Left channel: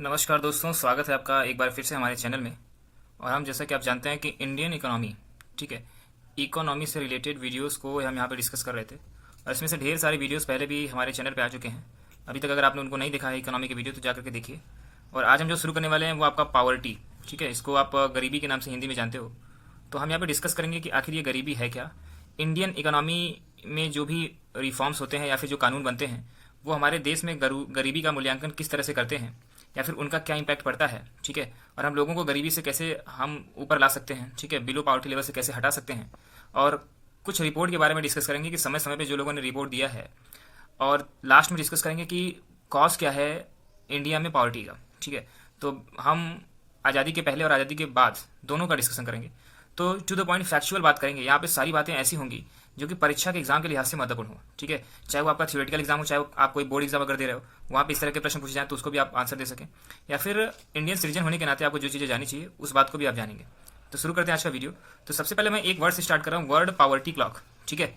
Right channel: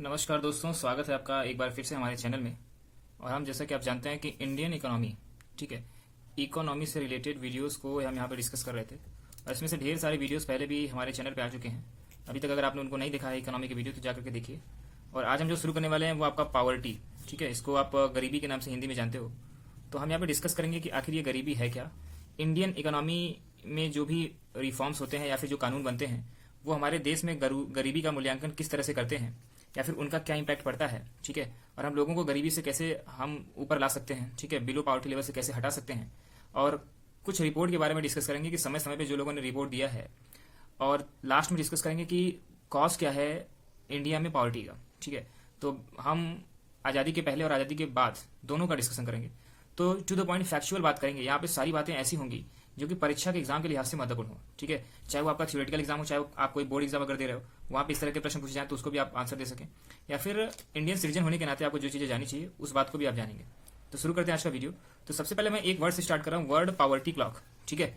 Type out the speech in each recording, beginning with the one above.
नमस्कार दोस्तों, स्वागत है आपका एक बार फिर से हमारे चैनल में। और हम जैसा कि आप जानते हैं कि इंडियन इकोनॉमी, ठीक है, इकोनॉमी से रिलेटेड वीडियोस को हम यहाँ पे डिस्कस कर रहे थे। और इसमें से ढेर सारे वीडियोस पहले भी हमारे चैनल पे आ चुके हैं। अभी तक अगर आपने उनको नहीं देखा है इकोनॉमी के वीडियो तो जा करके देखिए। और आज हम जो शुरू करने वाले हैं वो आपका पावर्टी, ठीक है, इसको आप गरीबी के नाम से हिंदी में जानते हो। तो हम यहाँ पे डिस्कस करेंगे कि आखिर ये गरीबी है क्या, इंडियन इकोनॉमी में जो भी रिफॉर्म्स होते हैं या फिर जो कानून बनते हैं वो हमारे देश में गरीबी का मूल्यांकन किस तरह से करते हैं या फिर उनका क्या इम्पैक्ट पड़ता है, ठीक है, और हम लोगों को गरीबी से कैसे हम ऊपर ला सकते हैं, ठीक है, बिलो पावर्टी लेवल से कैसे हटा सकते हैं। और कुछ रिपोर्ट के बारे में डिस्कस करेंगे कि समय समय पे जो लोगों ने रिपोर्ट दिया है। और लास्ट में डिस्कस करेंगे कि कॉज क्या है इंडिया में पावर्टी का, ठीक है। तो हम आज़ादी के पहले और आज़ादी के बाद दोनों का डिस्कशन करेंगे। तो टू द पॉइंट फैक्चुअल बात करेंगे। यहाँ पे सारी बातें ऐसी होंगी जो कि परीक्षा के एग्जाम के लिहाज से महत्वपूर्ण हो, ठीक है, चाहे वो आपका थ्योरेटिकल एग्जाम हो, चाहे आप कोई बोर्ड एग्जाम अगर दे रहे हो, वहाँ पे इस तरह के प्रश्न पूछे जाए तो उसको भी आप आंसर दे सकें, या फिर इंडियन सिटीजन होने के नाते आपको जो चीज़ें जानी चाहिए उस बात को भी आप जानेंगे। तो शुरू करते हैं आज का वीडियो। तो सबसे पहले मैं एक वर्ड से स्टार्ट कर रहा हूँ, वर्ड पावर्टी क्लॉक, ठीक है।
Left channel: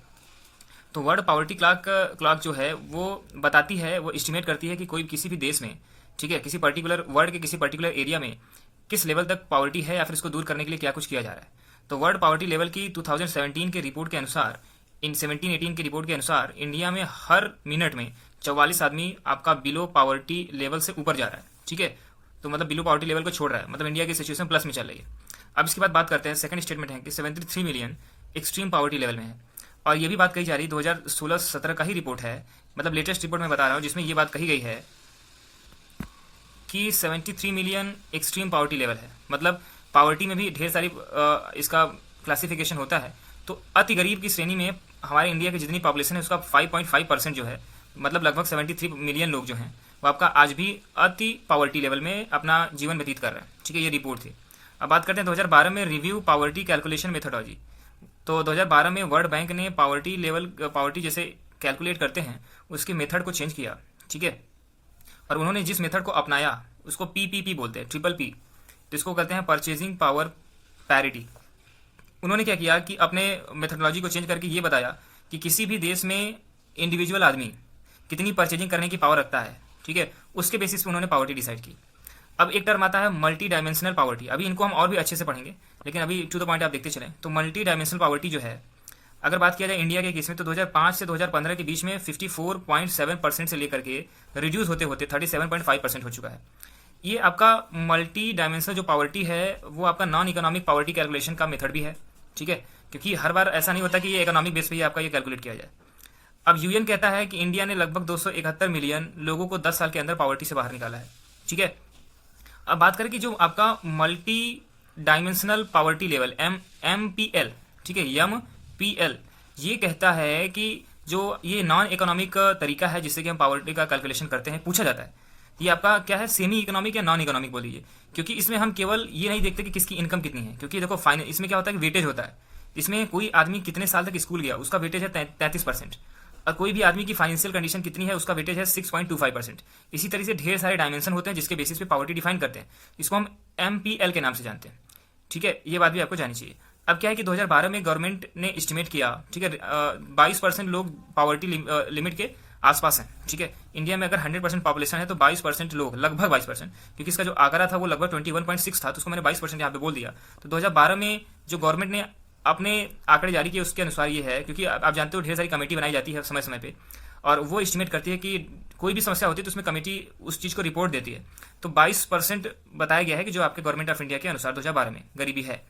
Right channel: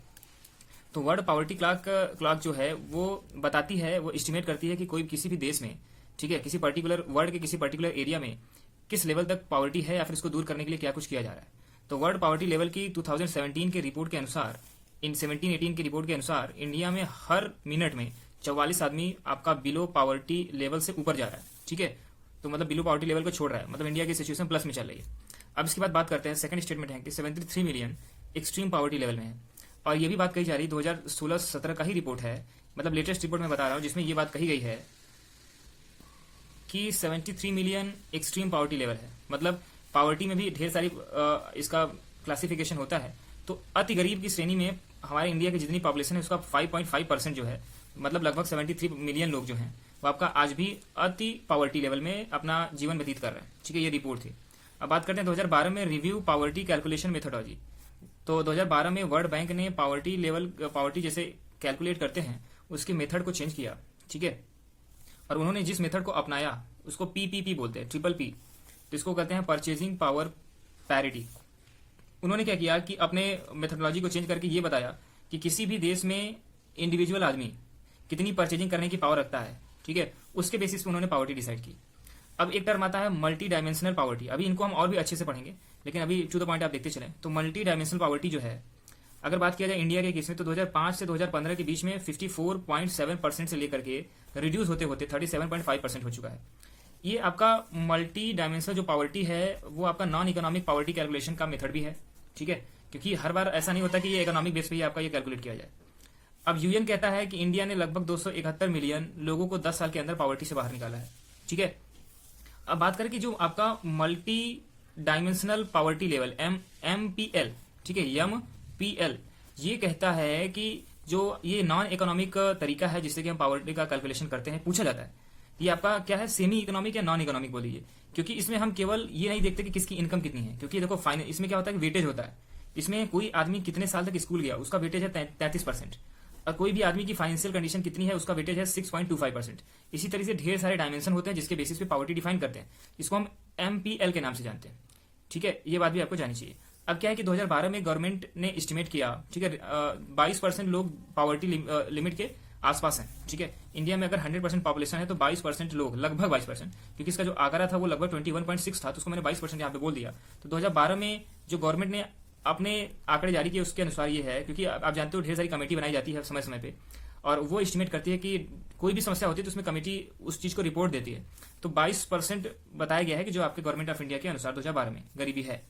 तो वर्ड पावर्टी क्लॉक जो है वो बताती है, वो एस्टिमेट करती है कि कोई किसी भी देश में, ठीक है, किसी पर्टिकुलर वर्ल्ड के किसी पर्टिकुलर एरिया में किस लेवल तक पावर्टी है या फिर इसको दूर करने के लिए क्या कुछ किया जा रहा है। तो वर्ल्ड पावर्टी लेवल की 2017 के रिपोर्ट के अनुसार, इन 17-18 की रिपोर्ट के अनुसार इंडिया में हर मिनट में 44 आदमी आपका बिलो पावर्टी लेवल से ऊपर जा रहा है, ठीक है। तो मतलब बिलो पावर्टी लेवल को छोड़ रहा है, मतलब इंडिया की सिचुएशन प्लस में चल रही है। अब इसके बाद बात करते हैं, सेकंड स्टेटमेंट है कि 73 मिलियन एक्सट्रीम पावर्टी लेवल में है। और ये भी बात कही जा रही है 2016-17 का ही रिपोर्ट है, मतलब लेटेस्ट रिपोर्ट में बता रहा हूँ, जिसमें ये बात कही गई है कि 73 मिलियन एक्सट्रीम पावर्टी लेवल है। मतलब पावर्टी में भी ढेर सारी इसका क्लासिफिकेशन होता है। तो अति गरीब की श्रेणी में हमारे इंडिया की जितनी पॉपुलेशन है उसका 5.5% जो है, मतलब लगभग 73 मिलियन लोग जो हैं वो आपका आज भी अति पावर्टी लेवल में अपना जीवन व्यतीत कर रहे हैं, ठीक है। ये रिपोर्ट थी। अब बात करते हैं 2012 में रिव्यू पावर्टी कैलकुलेशन मेथोडोलॉजी। तो 2012 में वर्ल्ड बैंक ने पावर्टी जैसे कैलकुलेट करते हैं उसके मेथड को चेंज किया, ठीक है। और उन्होंने जिस मेथड को अपनाया उसको पीपीपी बोलते हैं, ट्रिपल पी। तो इसको कहते हैं परचेजिंग पावर पैरिटी। उन्होंने क्या किया कि अपने मेथडोलॉजी को चेंज करके ये बताया कि किसी भी देश में इंडिविजुअल आदमी कितनी परचेजिंग करने की पावर रखता है, ठीक है, उसके बेसिस पे उन्होंने पावर्टी डिसाइड की। अब एक टर्म आता है मल्टी डायमेंशनल पावर्टी। अभी इनको हम और भी अच्छे से पढ़ेंगे, लेकिन अभी टू द पॉइंट आप देखते चलें। तो मल्टी डायमेंशनल पावर्टी जो है, अगर बात किया जाए इंडिया के केस में, तो 2005 से 2015 के बीच में 54.7% से लेकर के रिड्यूस होते होते 37.5% हो चुका है। ये आपका मल्टी डायमेंशनल जो पावर्टी है वो आपका नॉन इकोनॉमिक पावर्टी कैलकुलेशन का मेथड भी है, ठीक है, क्योंकि हर बार ऐसा नहीं होता कि ये इकोनॉमिक बेस पे ही आपका ये कैलकुलेट किया जाए। अब यूएन कहता है कि इंडिया ने लगभग 271 मिलियन लोगों को 10 साल के अंदर पावर्टी से बाहर निकाला है, ठीक है। अब बात करें कि जो आपका multi dimensional poverty level MPL, ठीक है, MPL, ये कहता है कि जो ये नॉन इकोनॉमिक तरीका है जिससे कि हम पावर्टी का कैलकुलेशन करते हैं, पूछा जाता है ये आपका क्या है, सेमी इकोनॉमिक या नॉन इकोनॉमिक बोल लीजिए। क्योंकि इसमें हम केवल ये नहीं देखते कि किसकी इनकम कितनी है, क्योंकि देखो फाइनल इसमें क्या होता है कि वेटेज होता है। इसमें कोई आदमी कितने साल तक स्कूल गया उसका वेटेज है 33%, और कोई भी आदमी की फाइनेंशियल कंडीशन कितनी है उसका वेटेज है 6.25%। इसी तरह से ढेर सारे डायमेंशन होते हैं जिसके बेसिस पे पावर्टी डिफाइन करते हैं। इसको हम MPL के नाम से जानते हैं, ठीक है। ये बात भी आपको जानी चाहिए। अब क्या है कि 2012 में गवर्नमेंट ने एस्टिमेट किया, ठीक है, 22% लोग पावर्टी लिमिट के आसपास हैं, ठीक है। इंडिया में अगर 100% पॉपुलेशन है तो 22% लोग, लगभग 22%, क्योंकि इसका जो आंकड़ा था वो लगभग 21.6 था, तो उसको मैंने 22% यहाँ पे बोल दिया। तो 2012 में जो गवर्नमेंट ने अपने आंकड़े जारी किए उसके अनुसार ये है, क्योंकि आप जानते हो ढेर सारी कमेटी बनाई जाती है समय समय पे, और वो एस्टिमेट करती है कि कोई भी समस्या होती है तो उसमें कमेटी उस चीज़ को रिपोर्ट देती है। तो 22% बताया गया है कि जो आपके गवर्नमेंट ऑफ इंडिया के अनुसार 2012 में गरीबी है।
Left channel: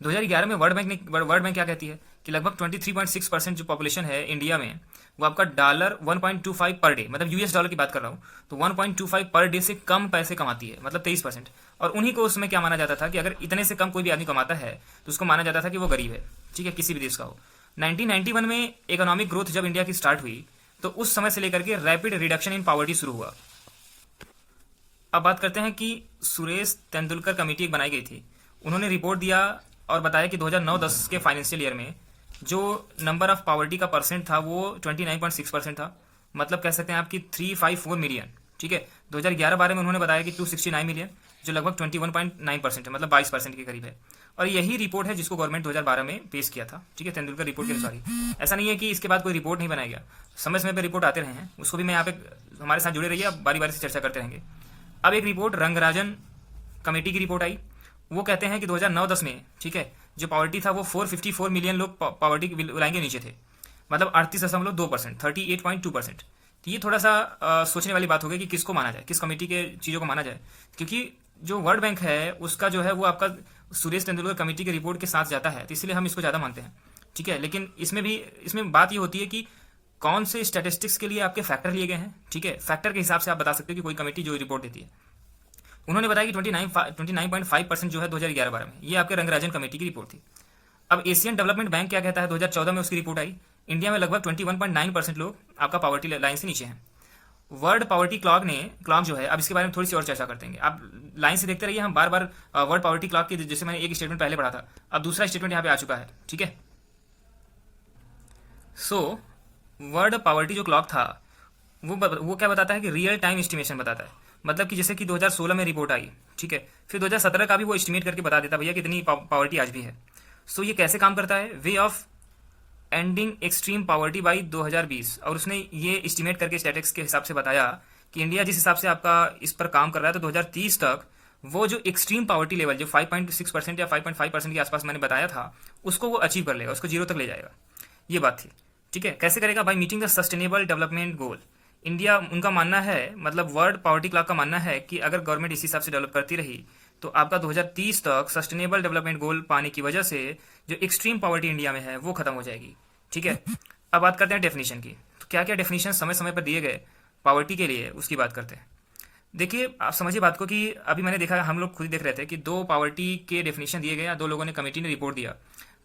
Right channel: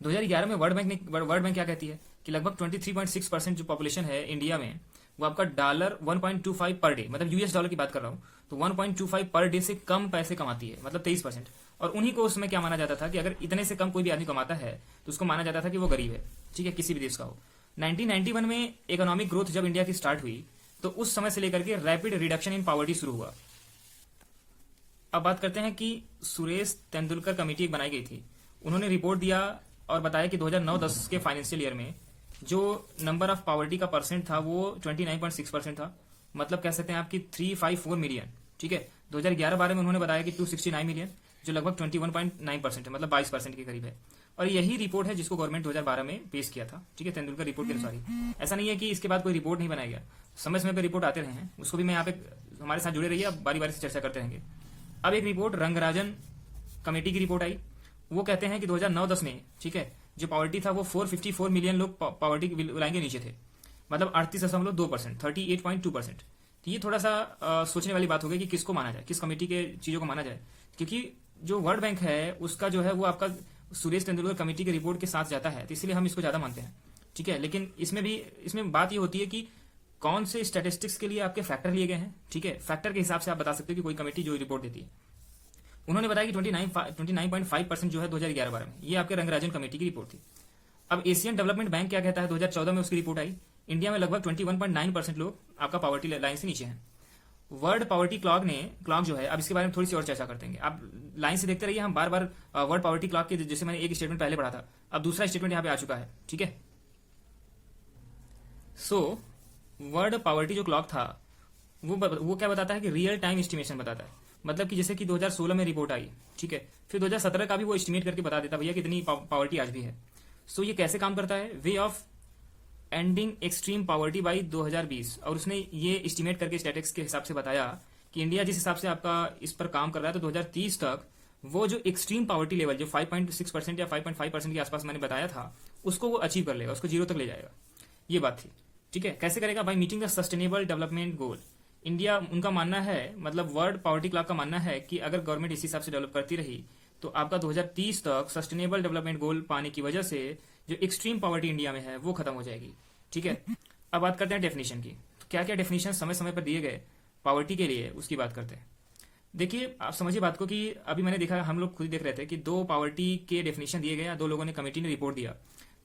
2011 में वर्ल्ड बैंक क्या कहती है कि लगभग 23.6% जो पॉपुलेशन है इंडिया में वो आपका $1.25 पर डे, मतलब US डॉलर की बात कर रहा हूँ, तो 1.25 पर डे से कम पैसे कमाती है, मतलब 23%। और उन्हीं को उसमें क्या माना जाता था कि अगर इतने से कम कोई भी आदमी कमाता है तो उसको माना जाता था कि वो गरीब है, ठीक है, किसी भी देश का हो। 1991 में इकोनॉमिक ग्रोथ जब इंडिया की स्टार्ट हुई तो उस समय से लेकर के रैपिड रिडक्शन इन पावर्टी शुरू हुआ। अब बात करते हैं कि सुरेश तेंदुलकर कमेटी एक बनाई गई थी। उन्होंने रिपोर्ट दिया और बताया कि 2009-10 के फाइनेंशियल ईयर में जो नंबर ऑफ पावर्टी का परसेंट था वो 29.6% था, मतलब कह सकते हैं आपकी 354 मिलियन, ठीक है। 2011-12 में उन्होंने बताया कि 269 मिलियन, जो लगभग 21.9% है, मतलब 22% के करीब है। और यही रिपोर्ट है जिसको गवर्नमेंट 2012 में पेश किया था, ठीक है, तेंदुलकर रिपोर्ट के अनुसार ही। ऐसा नहीं है कि इसके बाद कोई रिपोर्ट नहीं बनाया गया, समय समय पर रिपोर्ट आते रहे हैं, उसको भी मैं यहाँ पे हमारे साथ जुड़े रहिए, बारी बारी से चर्चा करते रहेंगे। अब एक रिपोर्ट रंगराजन कमेटी की रिपोर्ट आई, वो कहते हैं कि 2009-10 में, ठीक है, जो पॉवर्टी था वो 454 मिलियन लोग पॉवर्टी की लाइन के नीचे थे, मतलब 38.2%, 38.2%। तो ये थोड़ा सा सोचने वाली बात हो गई कि किसको माना जाए, किस कमेटी के चीज़ों को माना जाए, क्योंकि जो वर्ल्ड बैंक है उसका जो है वो आपका सुरेश तेंदुलकर कमेटी की रिपोर्ट के साथ जाता है, तो इसलिए हम इसको ज़्यादा मानते हैं, ठीक है। लेकिन इसमें बात ये होती है कि कौन से स्टैटिस्टिक्स के लिए आपके फैक्टर लिए गए हैं, ठीक है। फैक्टर के हिसाब से आप बता सकते हो कि कोई कमेटी जो रिपोर्ट देती है। उन्होंने बताया कि 29.5% जो है 2011-12 में, ये आपके रंगराजन कमेटी की रिपोर्ट थी। अब एशियन डेवलपमेंट बैंक क्या कहता है, 2014 में उसकी रिपोर्ट आई, इंडिया में लगभग 21.9% लोग आपका पॉवर्टी लाइन से नीचे हैं। वर्ल्ड पॉवर्टी क्लॉक जो है, अब इसके बारे में थोड़ी सी और चर्चा करते हैं। आप लाइन से देखते रहिए, हम बार बार वर्ल्ड पॉवर्टी क्लॉक के, जैसे मैंने एक स्टेटमेंट पहले पढ़ा था, अब दूसरा स्टेटमेंट यहाँ पे आ चुका है, ठीक है। सो वर्ल्ड पॉवर्टी जो क्लॉक था वो क्या बताता है कि रियल टाइम एस्टिमेशन बताता है, मतलब कि जैसे कि 2016 में रिपोर्ट आई, ठीक है, फिर 2017 का भी वो एस्टिमेट करके बता देता भैया कितनी पॉवर्टी आज भी है। सो ये कैसे काम करता है, way of ending extreme poverty by 2020, और उसने ये एस्टिमेट करके स्टैटिस्टिक्स के हिसाब से बताया कि इंडिया जिस हिसाब से आपका इस पर काम कर रहा है, तो 2030 तक वो जो एक्सट्रीम पॉवर्टी लेवल जो 5.6% या 5.5% के आसपास मैंने बताया था, उसको वो अचीव कर लेगा, उसको जीरो तक ले जाएगा। ये बात थी, ठीक है। कैसे करेगा, by meeting the sustainable development goal. India, उनका मानना है, मतलब वर्ल्ड पॉवर्टी क्लॉक का मानना है कि अगर गवर्नमेंट इसी हिसाब से डेवलप करती रही तो आपका 2030 तक सस्टेनेबल डेवलपमेंट गोल पाने की वजह से जो एक्सट्रीम पॉवर्टी इंडिया में है वो खत्म हो जाएगी, ठीक है। अब बात करते हैं डेफिनेशन की, तो क्या क्या डेफिनेशन समय समय पर दिए गए पॉवर्टी के लिए, उसकी बात करते हैं। देखिए, आप समझिए बात को कि अभी मैंने देखा, हम लोग खुद देख रहे थे कि दो पॉवर्टी के डेफिनेशन दिए गए, दो लोगों ने, कमेटी ने रिपोर्ट दिया।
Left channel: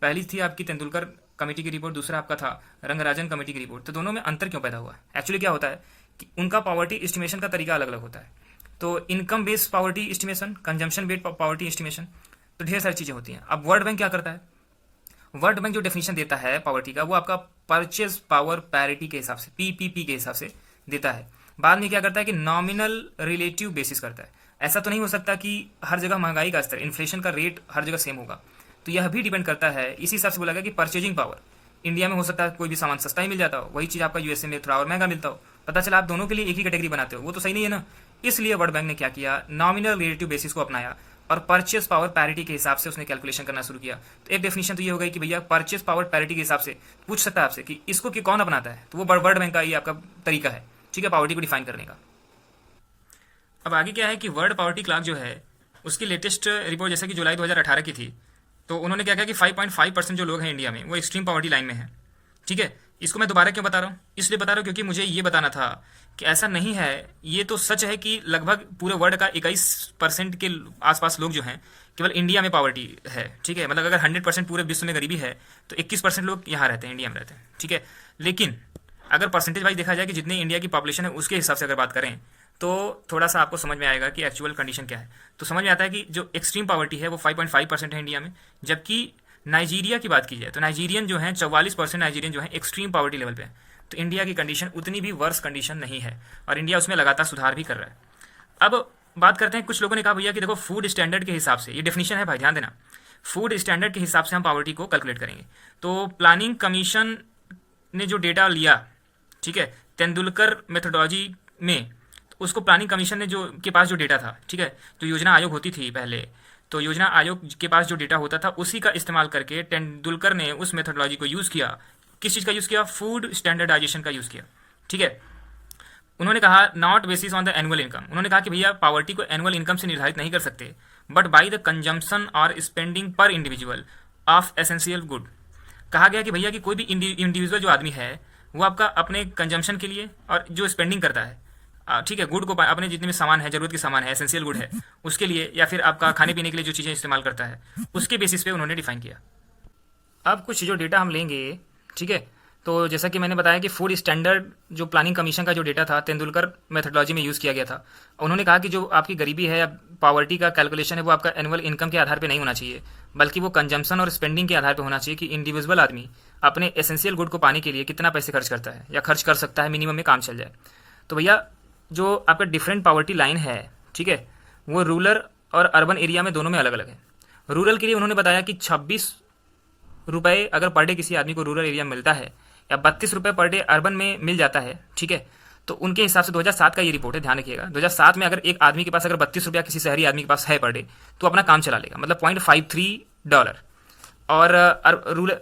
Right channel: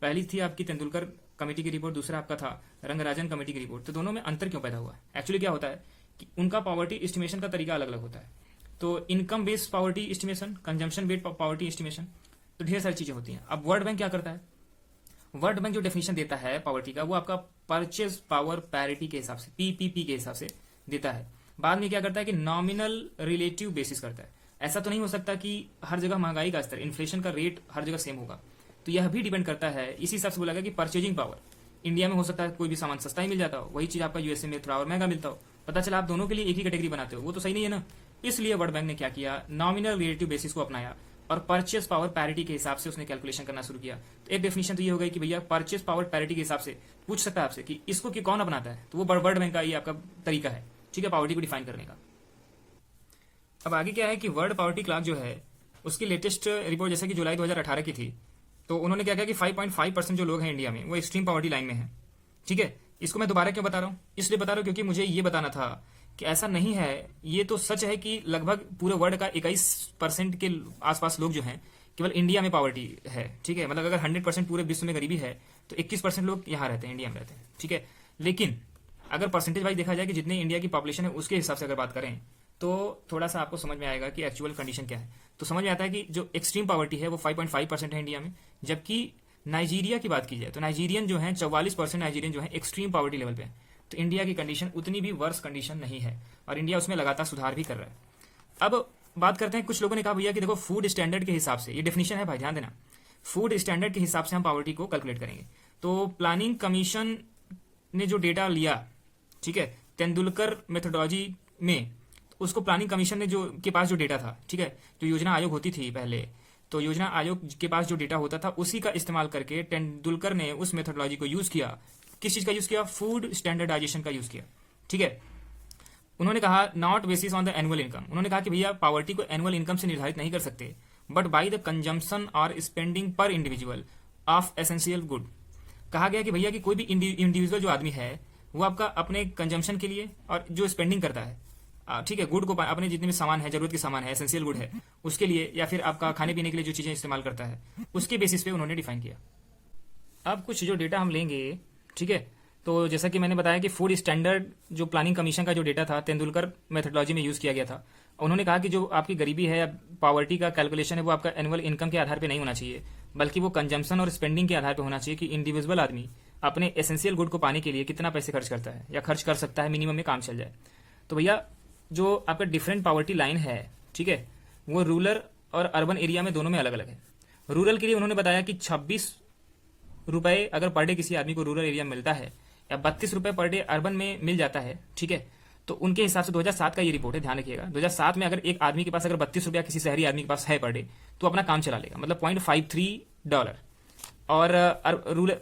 पहली थी आपकी तेंदुलकर कमेटी की रिपोर्ट, दूसरा आपका था रंगराजन कमेटी की रिपोर्ट। तो दोनों में अंतर क्यों पैदा हुआ? एक्चुअली क्या होता है कि उनका पॉवर्टी एस्टिमेशन का तरीका अलग अलग होता है। तो income based poverty estimation, consumption based poverty estimation, तो ढेर सारी चीज़ें होती हैं। अब वर्ल्ड बैंक क्या करता है, वर्ल्ड बैंक जो डेफिनेशन देता है पॉवर्टी का, वो आपका परचेज पावर पैरिटी के हिसाब से, पीपीपी के हिसाब से देता है। बाद में क्या करता है कि नॉमिनल रिलेटिव बेसिस करता है। ऐसा तो नहीं हो सकता कि हर जगह महंगाई का स्तर, इन्फ्लेशन का रेट हर जगह सेम होगा, तो यह भी डिपेंड करता है। इसी हिसाब से बोला गया कि परचेजिंग पावर, इंडिया में हो सकता है कोई भी सामान सस्ता ही मिल जाता हो, वही चीज़ आपका यूएसए में थोड़ा और महंगा मिलता हो, पता चला आप दोनों के लिए एक ही कैटेगरी बनाते हो, वो तो सही नहीं है ना। इसलिए वर्ल्ड बैंक ने क्या किया, नॉमिनल रिलेटिव बेसिस को अपनाया और परचेस पावर पैरिटी के हिसाब से उसने कैलकुलेशन करना शुरू किया। तो एक डेफिनेशन तो ये हो गई कि भैया परचेस पावर पैरिटी के हिसाब से पूछ सकता है आपसे कि इसको कि कौन अपनाता है, तो वो वर्ल्ड बैंक का ये आपका तरीका है, ठीक है, पॉवर्टी को डिफाइन करने का। अब आगे क्या है कि वर्ल्ड पॉवर्टी क्लॉक जो है उसकी लेटेस्ट रिपोर्ट जैसे कि जुलाई 2018 की थी, तो उन्होंने क्या किया कि 5.5% जो लोग हैं इंडिया में वो एक्सट्रीम पॉवर्टी लाइन में है, ठीक है। इसको मैं दोबारा क्यों बता रहा हूँ, इसलिए बता रहा हूँ क्योंकि मुझे ये बताना था कि ऐसा नहीं है, ये तो सच है कि लगभग पूरे वर्ल्ड का 21% के आसपास लोग जो हैं केवल इंडिया में पॉवर्टी है, ठीक है। मतलब अगर 100% पूरे विश्व में गरीबी है तो 21% लोग यहाँ रहते हैं, इंडिया में रहते हैं, ठीक है। लेकिन अगर परसेंटेज वाइज देखा जाए कि जितनी इंडिया की पॉपुलेशन है उसके हिसाब से अगर बात करें तो थोड़ा सा आपको समझ में आएगा कि एक्चुअल कंडीशन क्या है। तो समझ में आता है कि जो एक्सट्रीम पॉवर्टी है वो 5.5% है इंडिया में, जबकि नाइजीरिया की बात की जाए तो नाइजीरियन जो है 44% नाइजीरियन जो है एक्सट्रीम पॉवर्टी लेवल पे है। तो इंडिया की कंडीशन उतनी भी वर्स कंडीशन नहीं है और इंडिया उसमें लगातार सुधार भी कर रहा है। अब बात करते हैं, कुछ लोगों ने कहा भैया कि देखो फूड स्टैंडर्ड के हिसाब से, ये डेफिनेशन है भाई ध्यान देना, फूड स्टैंडर्ड के हिसाब से हम पॉवर्टी को कैलकुलेट करेंगे। तो प्लानिंग कमीशन ने जो डेटा लिया, ठीक है, तेंदुलकर मेथोडोलॉजी में, तो उसको प्लानिंग कमीशन ने जो के पास जो डेटा था, ठीक है, तो योजना आयोग होती थी पहले, तो योजना आयोग के पास जो डेटा होता था उसी का इस्तेमाल करके तेंदुलकर ने उस मेथोडोलॉजी को यूज़ किया। किस चीज़ का यूज़ किया? फूड स्टैंडर्डाइजेशन का यूज़ किया, ठीक है। उन्होंने कहा not basis on the annual income, उन्होंने कहा कि भैया पॉवर्टी को एनुअल इनकम से निर्धारित नहीं कर सकते, बट बाई द कंजम्पशन और स्पेंडिंग पर इंडिविजुअल ऑफ एसेंशियल गुड। कहा गया कि भैया कि कोई भी इंडिविजुअल जो आदमी है वो आपका अपने कंजम्पशन के लिए और जो स्पेंडिंग करता है, ठीक है, गुड को, अपने जितने भी सामान है, जरूरत के सामान है, एसेंशियल गुड है, उसके लिए, या फिर आपका खाने पीने के लिए जो चीज़ें इस्तेमाल करता है, उसके बेसिस पे उन्होंने डिफाइन किया। अब कुछ जो डेटा हम लेंगे, ठीक है, तो जैसा कि मैंने बताया कि फूड स्टैंडर्ड जो प्लानिंग कमीशन का जो डेटा था तेंदुलकर मेथोडोलॉजी में यूज़ किया गया था। उन्होंने कहा कि जो आपकी गरीबी है या पॉवर्टी का कैलकुलेशन है वो आपका एनुअल इनकम के आधार पर नहीं होना चाहिए, बल्कि वो कंजम्पशन और स्पेंडिंग के आधार पर होना चाहिए कि इंडिविजुअल आदमी अपने एसेंशियल गुड को पाने के लिए कितना पैसे खर्च करता है या खर्च कर सकता है, मिनिमम में काम चल जाए। तो भैया जो आपका डिफरेंट पॉवर्टी लाइन है, ठीक है, वो रूरल और अर्बन एरिया में दोनों में अलग अलग है। रूरल के लिए उन्होंने बताया कि 26 रुपये अगर पर डे किसी आदमी को रूरल एरिया में मिलता है या 32 रुपये पर डे अर्बन में मिल जाता है, ठीक है, तो उनके हिसाब से 2007 का ये रिपोर्ट है, ध्यान रखिएगा। 2007 में अगर एक आदमी के पास अगर 32 रुपया किसी शहरी आदमी के पास है पर डे, तो अपना काम चला लेगा, मतलब $0.53। और रूरल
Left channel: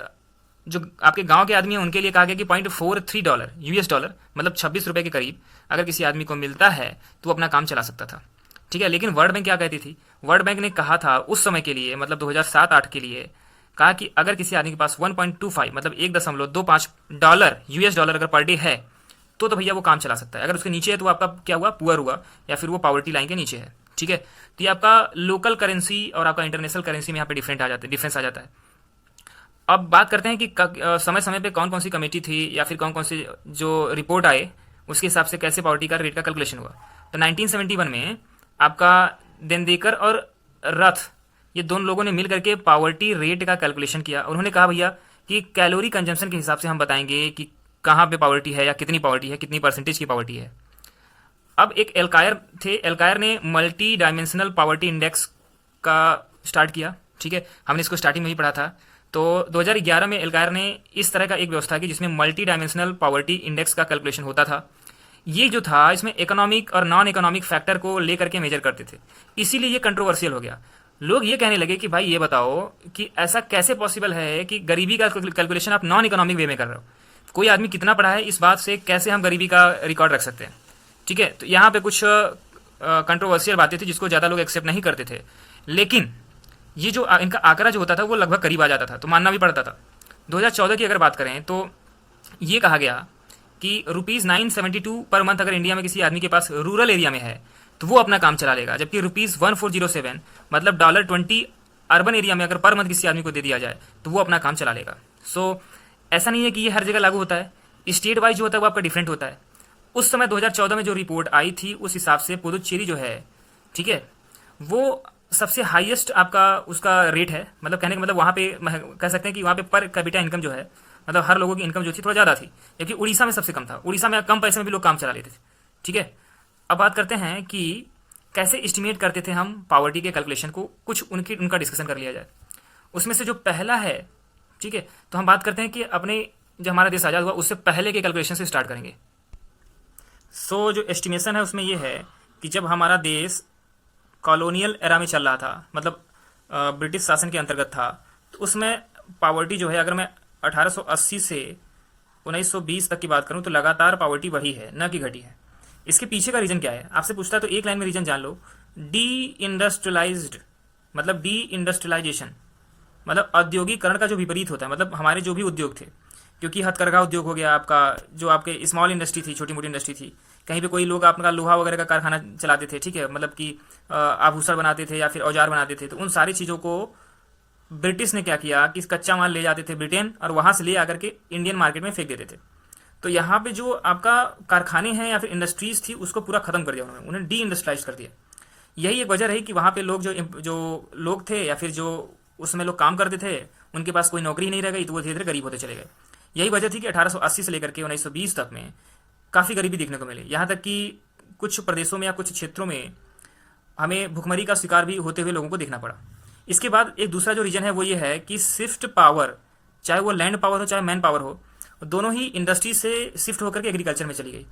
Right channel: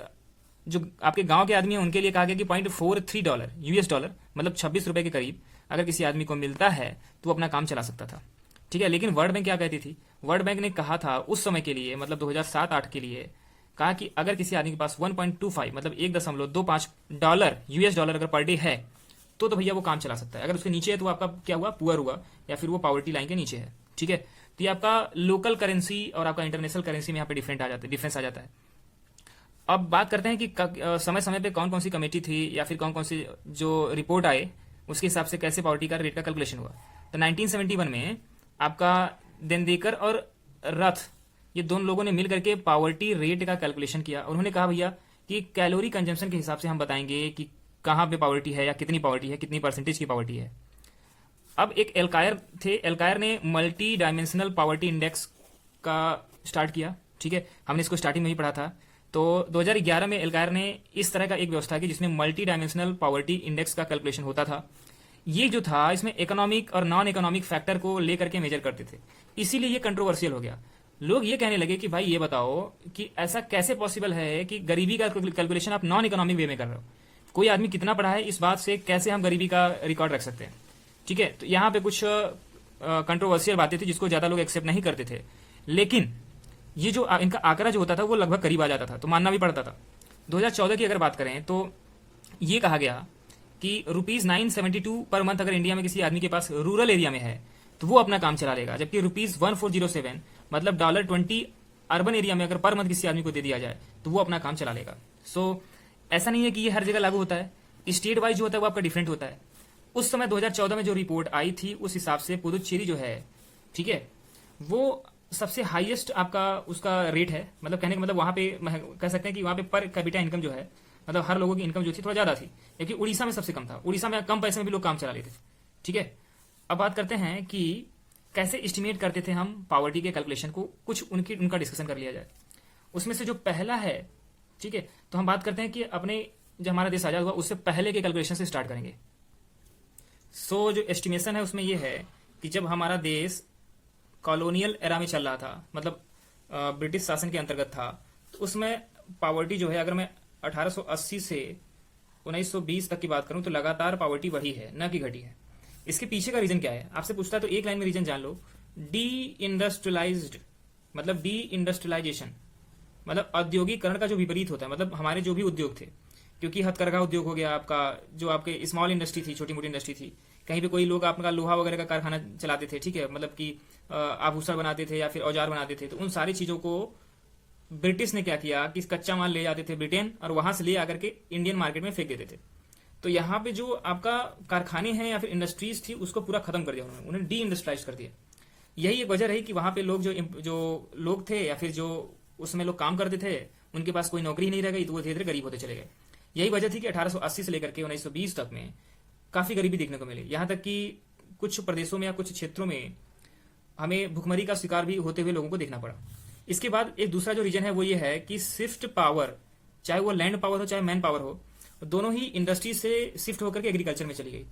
जो आपके गांव के आदमी हैं उनके लिए कहा गया कि $0.43 US डॉलर, मतलब 26 रुपये के करीब अगर किसी आदमी को मिलता है तो वो अपना काम चला सकता था, ठीक है। लेकिन वर्ल्ड बैंक क्या कहती थी, वर्ल्ड बैंक ने कहा था उस समय के लिए, मतलब 2007-8 के लिए, कहा कि अगर किसी आदमी के पास 1.25 मतलब $1.25 US डॉलर अगर पर डे है तो भैया वो काम चला सकता है। अगर उसके नीचे है तो आपका क्या हुआ, पुअर हुआ, या फिर वो पॉवर्टी लाइन के नीचे है, ठीक है। तो ये आपका लोकल करेंसी और आपका इंटरनेशनल करेंसी में यहाँ पे डिफरेंस आ जाता है। अब बात करते हैं कि समय समय पे कौन कौन सी कमेटी थी या फिर कौन कौन सी जो रिपोर्ट आए उसके हिसाब से कैसे पॉवर्टी का रेट का कैलकुलेशन हुआ। तो 1971 में आपका देंदेकर और रथ, ये दोनों लोगों ने मिल करके पॉवर्टी रेट का कैलकुलेशन किया। उन्होंने कहा भैया कि कैलोरी कंजम्पशन के हिसाब से हम बताएंगे कि कहाँ पे पॉवर्टी है या कितनी पॉवर्टी है, कितनी परसेंटेज की पॉवर्टी है। अब एक एल्कायर थे, एल्कायर ने मल्टी डायमेंशनल पॉवर्टी इंडेक्स का स्टार्ट किया, ठीक है। हमने इसको स्टार्टिंग में ही पढ़ा था। तो 2011 में एल्कायर ने इस तरह का एक व्यवस्था की जिसमें मल्टी डायमेंशनल पॉवर्टी इंडेक्स का कैलकुलेशन होता था। ये जो था इसमें इकोनॉमिक और नॉन इकोनॉमिक फैक्टर को लेकर के मेजर करते थे, इसीलिए ये कंट्रोवर्शियल हो गया। लोग ये कहने लगे कि भाई ये बताओ कि ऐसा कैसे पॉसिबल है कि गरीबी का कैलकुलेशन आप नॉन इकोनॉमिक वे में कर रहे हो। कोई आदमी कितना पढ़ा है इस बात से कैसे हम गरीबी का रिकॉर्ड रख सकते हैं, ठीक है। तो यहाँ पे कुछ कंट्रोवर्शियल बातें थी जिसको ज़्यादा लोग एक्सेप्ट नहीं करते थे, लेकिन ये जो इनका आंकड़ा जो होता था वो लगभग करीब आ जाता था, तो मानना भी पड़ता था। 2014 की अगर बात करें तो ये कहा गया कि ₹972 पर मंथ अगर इंडिया में किसी आदमी के पास रूरल एरिया में है तो वो अपना काम चला लेगा, जबकि ₹1407 मतलब $20 अर्बन एरिया में अगर पर मंथ किसी आदमी को दे दिया जाए तो वो अपना काम चला लेगा। सो ऐसा नहीं है कि ये हर जगह लागू होता है, स्टेट वाइज जो होता है वो आपका डिफरेंट होता है। उस समय 2014 में जो रिपोर्ट आई थी उस हिसाब से पुदुचेरी जो है, ठीक है, वो सबसे हाईएस्ट आपका उसका रेट है। मतलब कहने का मतलब वहाँ पे कह सकते हैं कि वहाँ पे पर कैपिटा इनकम जो है, मतलब हर लोगों की इनकम जो थी थोड़ा ज़्यादा थी, जबकि उड़ीसा में सबसे कम था। उड़ीसा में कम पैसे में भी लोग काम चला लेते थे, ठीक है। अब बात करते हैं कि कैसे एस्टिमेट करते थे हम पॉवर्टी के कैलकुलेशन को, कुछ उनका डिस्कशन कर लिया जाए। उसमें से जो पहला है, ठीक है, तो हम बात करते हैं कि अपने जब हमारा देश आज़ाद हुआ उससे पहले के कैलकुलेशन से स्टार्ट करेंगे। सो जो एस्टिमेशन है उसमें यह है कि जब हमारा देश कॉलोनियल एरा में चल रहा था, मतलब ब्रिटिश शासन के अंतर्गत था, तो उसमें पॉवर्टी जो है, अगर मैं 1880 से 1920 तक की बात करूं तो लगातार पॉवर्टी बढ़ी है, न कि घटी है। इसके पीछे का रीजन क्या है आपसे पूछता है तो एक लाइन में रीजन जान लो। डी इंडस्ट्रियलाइज्ड मतलब डी इंडस्ट्रियलाइजेशन, मतलब औद्योगिकरण का जो विपरीत होता है, मतलब हमारे जो भी उद्योग थे, क्योंकि हथकरघा उद्योग हो गया आपका, जो आपके स्मॉल इंडस्ट्री थी, छोटी मोटी इंडस्ट्री थी, कहीं पे कोई लोग आपका लोहा वगैरह का कारखाना चलाते थे, ठीक है, मतलब कि आभूषण बनाते थे या फिर औजार बनाते थे, तो उन सारी चीज़ों को ब्रिटिश ने क्या किया कि कच्चा माल ले जाते थे ब्रिटेन और वहाँ से ले आकर के इंडियन मार्केट में फेंक देते थे। तो यहाँ पे जो आपका कारखाने हैं या फिर इंडस्ट्रीज थी उसको पूरा खत्म कर दिया उन्होंने, उन्हें डी इंडस्ट्रियलाइज कर दिया। यही एक वजह रही कि वहाँ पे लोग जो लोग थे या फिर जो उसमें लोग काम करते थे उनके पास कोई नौकरी नहीं रह गई, तो वो धीरे धीरे गरीब होते चले गए। यही वजह थी कि 1880 से लेकर के 1920 तक में काफ़ी गरीबी देखने को मिली। यहाँ तक कि कुछ प्रदेशों में या कुछ क्षेत्रों में हमें भुखमरी का शिकार भी होते हुए लोगों को देखना पड़ा। इसके बाद एक दूसरा जो रीजन है वो ये है कि शिफ्ट पावर, चाहे वो लैंड पावर हो चाहे मैन पावर हो, दोनों ही इंडस्ट्री से शिफ्ट होकर के एग्रीकल्चर में चली गई।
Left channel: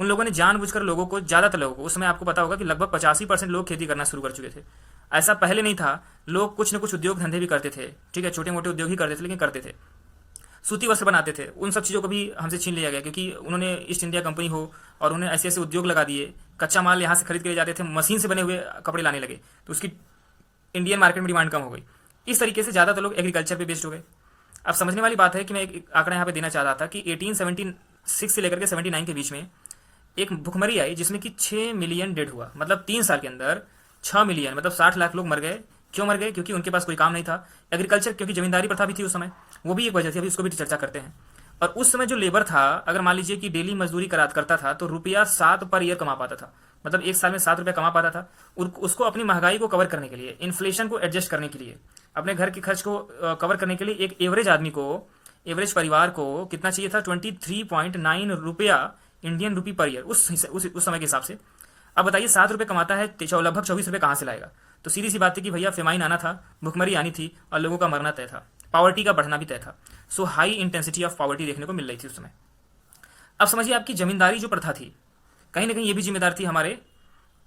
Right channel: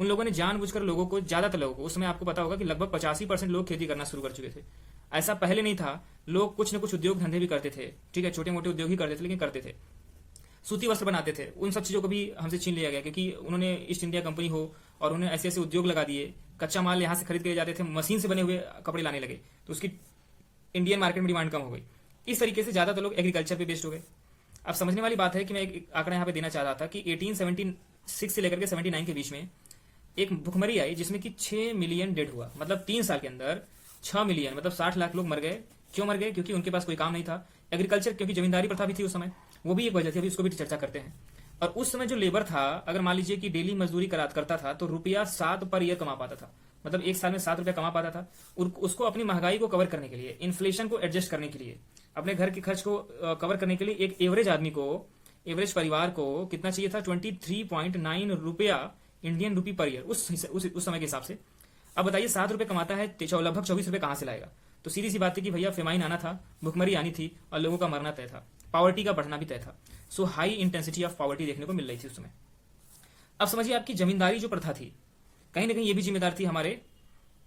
उन लोगों ने जानबूझकर लोगों को, ज़्यादातर लोगों को, उस समय आपको पता होगा कि लगभग 85% लोग खेती करना शुरू कर चुके थे। ऐसा पहले नहीं था, लोग कुछ न कुछ उद्योग धंधे भी करते थे, ठीक है, छोटे मोटे उद्योग ही करते थे, लेकिन करते थे। सूती वस्त्र बनाते थे, उन सब चीज़ों को भी हमसे छीन लिया गया क्योंकि उन्होंने ईस्ट इंडिया कंपनी हो और उन्हें ऐसे ऐसे उद्योग लगा दिए, कच्चा माल यहाँ से खरीद के ले जाते थे, मशीन से बने हुए कपड़े लाने लगे, तो उसकी इंडियन मार्केट में डिमांड कम हो गई। इस तरीके से ज़्यादातर लोग एग्रीकल्चर पे बेस्ड हो गए। अब समझने वाली बात है कि मैं एक आंकड़ा यहाँ पे देना चाह रहा था कि 1876 से लेकर के 79 के बीच में एक भुखमरी आई जिसमें कि 6 मिलियन डेड हुआ, मतलब 3 साल के अंदर 6 मिलियन मतलब 60 लाख लोग मर गए। क्यों मर गए? क्योंकि उनके पास कोई काम नहीं था। एग्रीकल्चर, क्योंकि जमींदारी प्रथा भी थी उस समय, वो भी एक वजह थी, अभी उसको भी चर्चा करते हैं। और उस समय जो लेबर था, अगर मान लीजिए कि डेली मजदूरी करता था तो ₹7 पर ईयर कमा पाता था, मतलब एक साल में ₹7 कमा पाता था। उसको अपनी महंगाई को कवर करने के लिए, इन्फ्लेशन को एडजस्ट करने के लिए, अपने घर के खर्च को कवर करने के लिए एक एवरेज आदमी को, एवरेज परिवार को कितना चाहिए था? 23.9 रुपया इंडियन रुपी पर ईयर उस समय के हिसाब से। अब बताइए ₹7 कमाता है, लगभग ₹24 कहाँ से लाएगा? तो सीधी सी बात है कि भैया फेमाइन आना था, भुखमरी आनी थी और लोगों का मरना तय था, पॉवर्टी का बढ़ना भी तय था। सो हाई इंटेंसिटी ऑफ पॉवर्टी देखने को मिल रही थी उस समय। अब समझिए आपकी जमींदारी जो प्रथा थी, कहीं ना कहीं ये भी जिम्मेदार थी हमारे